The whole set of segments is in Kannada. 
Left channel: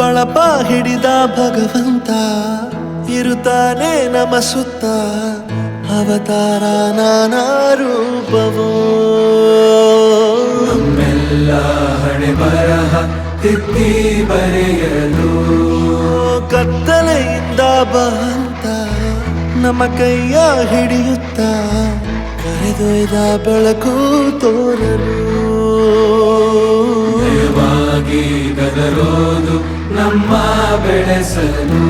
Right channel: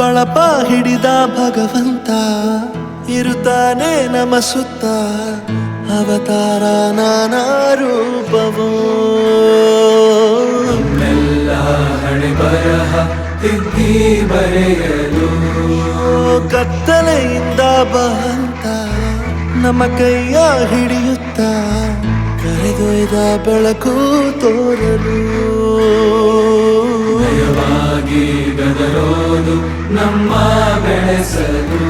ಬಳಪ ಹಿಡಿದ ಭಗವಂತ ಇರುತ್ತಾನೆ ನಮ ಸುತ್ತ ಅವತಾರ ನಾನಾ ರೂಪವೋ ಹಣೆ ಬರಹ ತಿದ್ದಿ ಬರೆಯಲು ಕತ್ತಲೆಯಿಂದ ಬಂತ ನಮ್ಮ ಕೈಯ ಹಿಡಿಯುತ್ತ ಕರೆದೊಯ್ದ ಬೆಳಕು ತೋರಲು ಗದರೋದು ನಮ್ಮ ಬೆಳೆಸಲು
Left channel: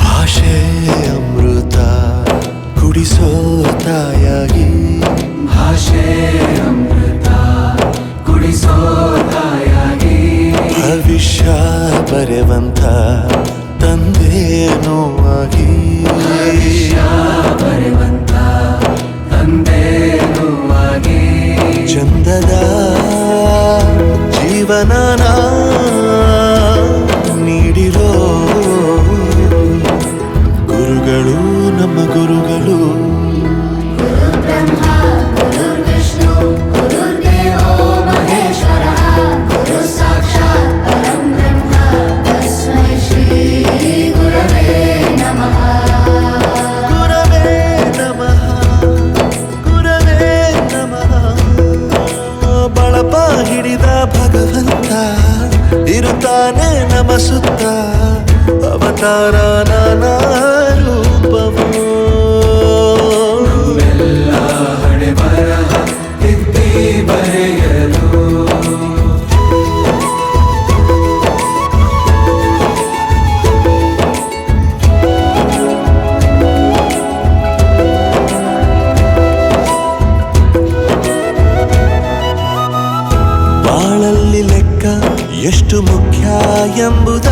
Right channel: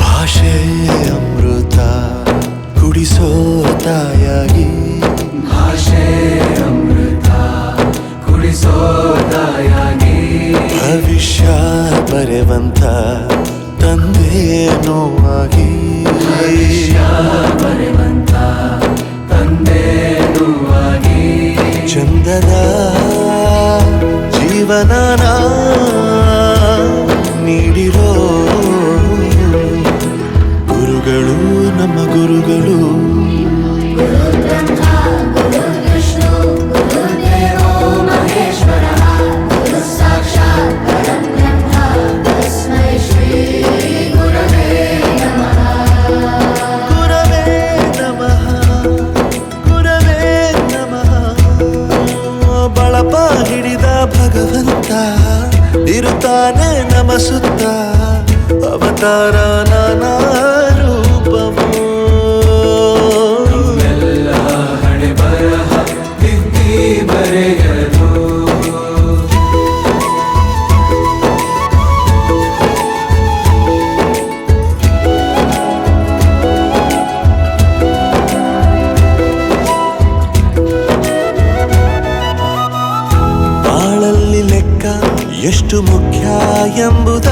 ಭಾಷೆ ಅಮೃತ ಕುಡಿಸೋ ತಾಯಾಗಿ ಭಾಷೆ ಅಮೃತ ಕುಡಿಸೋ ತಾಯಾಗಿ ಭವಿಷ್ಯ ಬರೆವಂತ ತಂದೇನೋ ಆಗಿ ಬರೆವಂತ ತಂದೇನೋ ಆಗಿ ಚಂದದ ಜೀವನನ ನೀಡಿರೋ ಗುರುಗಳು ನಮ್ಮ ಗುರುಗಳು ಬಳಪ ಹಿಡಿದ ಭಗವಂತ ಇರುತ್ತಾನೆ ನಮ ಸುತ್ತ ಅವತಾರ ನಾನಾ ರೂಪವೋ ಹಣೆ ಬರಹ ತಿದ್ದಿ ಬರೆಯಲು ಬಾಳಲ್ಲಿ ಲೆಕ್ಕ ಎಷ್ಟು ಮುಖ್ಯ ಎಂಬುದ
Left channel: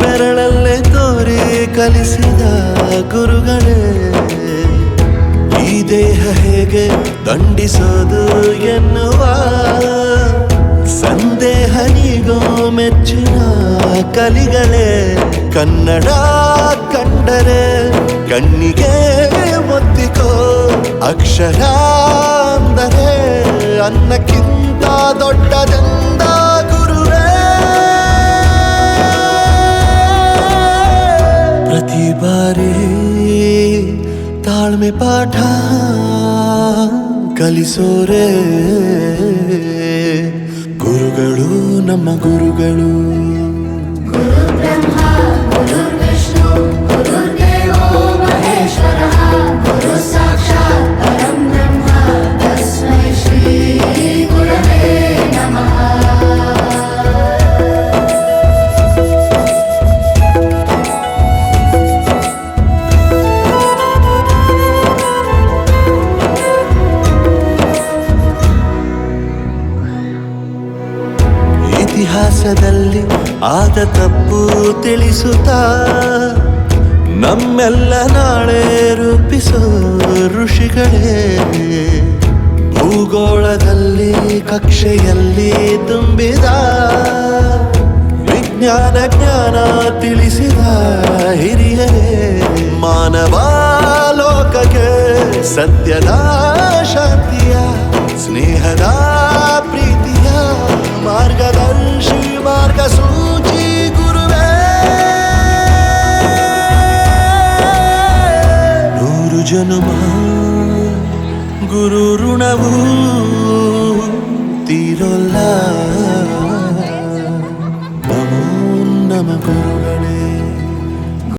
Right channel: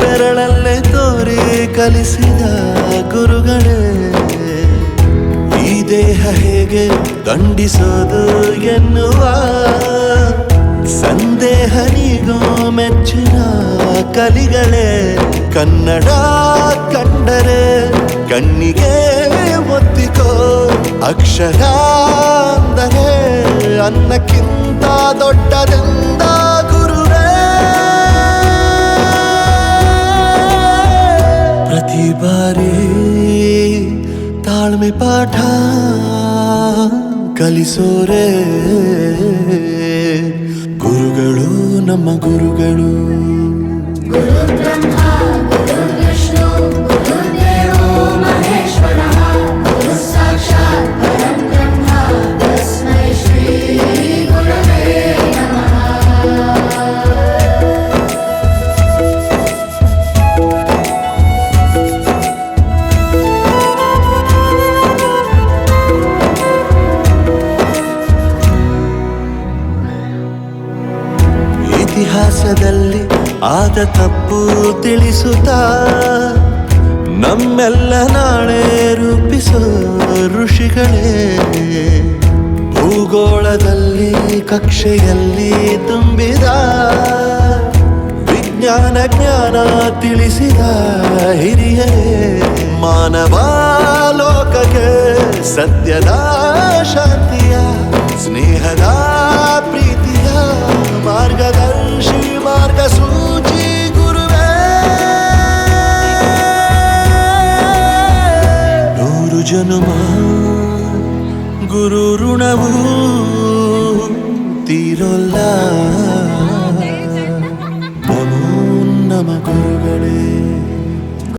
ಬೆರಳಲ್ಲೇ ತೋರಿ ಕಲಿಸಿದ ಗುರುಗಳೇ ಈ ದೇಹ ಹೇಗೆ ದಂಡಿಸೋದು ಎನ್ನುವ ಸಂದೇಹ ನೀಗೋ ಮೆಚ್ಚಿನ ಕಲಿಗಳೇ ಕನ್ನಡ ಕಂಡರೆ ಕಣ್ಣಿಗೆ ಒತ್ತಿಕೋ ಅಕ್ಷರ ಅಂದರೆ ಅನ್ನಕ್ಕಿಂತ ದೊಡ್ಡದೆಂದ ಗುರುವೇ ಪ್ರತಿ ಬಾರಿ ತಾಳ್ಮೆ ಪಾಠ ಕಲಿಸೋರೆ ಗುರುಗಳು ನಮ್ಮ ಗುರುಗಳು ಇತಿಹಾಸದಲ್ಲಿ ಆದ ತಪ್ಪು ತಿಳಿಸುತ್ತಾ ನಮ್ಮೆಲ್ಲ ನಾಳೆ ರೂಪಿಸೋ ಋಷಿಗಳೇ ಭೂಗೋಳದಲ್ಲಿ ಕಕ್ಷೆಯಲ್ಲಿ ತುಂಬಿದ ವಿಜ್ಞಾನ ಜ್ಞಾನ ತಿಳಿಸಿದ ಹಿರಿಯರೇ ಮಾನವ ಲೋಕಕ್ಕೆ ಸತ್ಯದ ಶಾಂತಿಯ ಸ್ನೇಹದ ಪ್ರೀತಿಯ ಮಾರ್ಗದರ್ಶಿ ಮಾರ್ಗಸೂಚಿ ಗುರುವೇ ನೂರು ಜನುಮ ಗುರು ಋಣವು ತೀರೋಲ್ಲ ನಮೋ ನಮ ಗುರುಗಳೇ.